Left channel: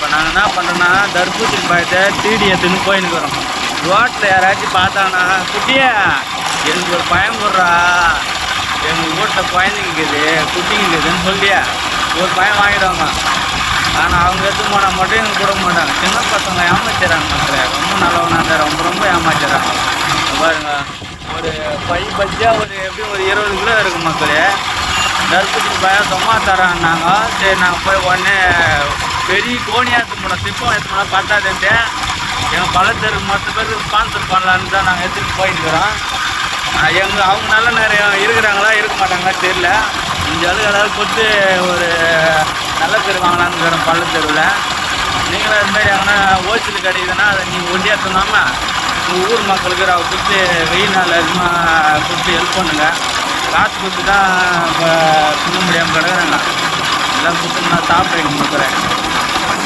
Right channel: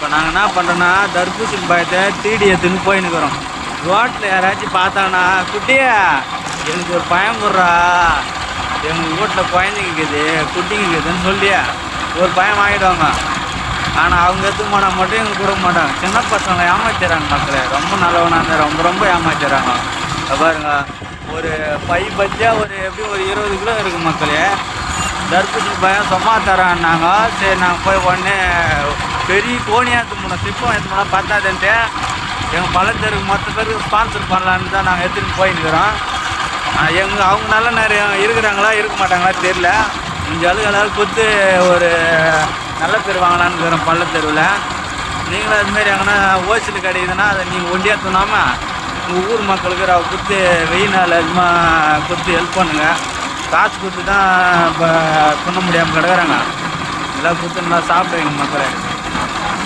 இப்போ நாங்கள் என்ன பண்ணுறோன்னா தர்பூசணி பழத்தை தீடி எடுத்துன்னு போயின்னுக்குறோம். ரோட்டில் யாராச்சும் பார்த்தாங்கன்னா குட்டியா எனக்கு ஒரு பயம் கொடுறா, எங்கள் வீட்டில் குழந்தைங்க இருக்குது குட்டிங்க இருக்குதுன்னு சொல்லியா ஒரு பயம் வாங்கிடுவாங்க. ஆனால் அவங்க எடுத்து போனால் மட்டும் எங்களுக்கு கொடுக்க மாட்டாங்க. சின்ன பசங்களை ஏமாத்திடுறாங்க மக்களே. ரொம்ப நல்லவனாக இருந்தால் ரொம்ப ரொம்ப ஏமாத்திடுறாங்க. பாருங்க, ஒரு பை பஜ்ஜியாக ஒரு எப்படியும் ஒரு 20 கிலோ இருக்குது மக்களே. தர்பூசணி பழம் சும்மா தரான்னாங்க. சரி நாங்கள் போய் உடனே பெரிய கோணியாக எடுத்து போனோம், சிப்பம் எடுத்து போனால் பத்தாதுன்ட்டு எங்கள் பழத்தருக்கு மொத்த பேருக்கு ஸ்பான்சர் பண்ணலான்னு தான் நாங்கள் எடுத்துகிட்டு போயின்னுக்கிறோம். அவங்க நல்ல நேரம் இருக்கிறாங்களா இருக்க மாட்டாங்களா தெரில. இந்த அழுகளால் கொடுத்து ஒரு நல்ல பேர் வாங்கலான்னு இருக்கிறோம் பள்ளத்தெருவில். நீங்களும் அதுமாரி எங்கன்னா ஹோல்சேல் கிடைக்குதுன்னா அதை நீங்கள் ஒண்டியாக தூணாமல் உங்கள் ஊர் மக்களுக்கு கொடுத்து வெயில் நாள் அதிகமாக கொடுத்து ஹெல்ப் பண்ணுங்கள். காசு கொடுத்து தான் இப்போ துண்ண முடியாமல் கிடக்குறாங்க. எல்லாம் கொடுத்து நல்லா சாப்பிடுங்க மக்களே.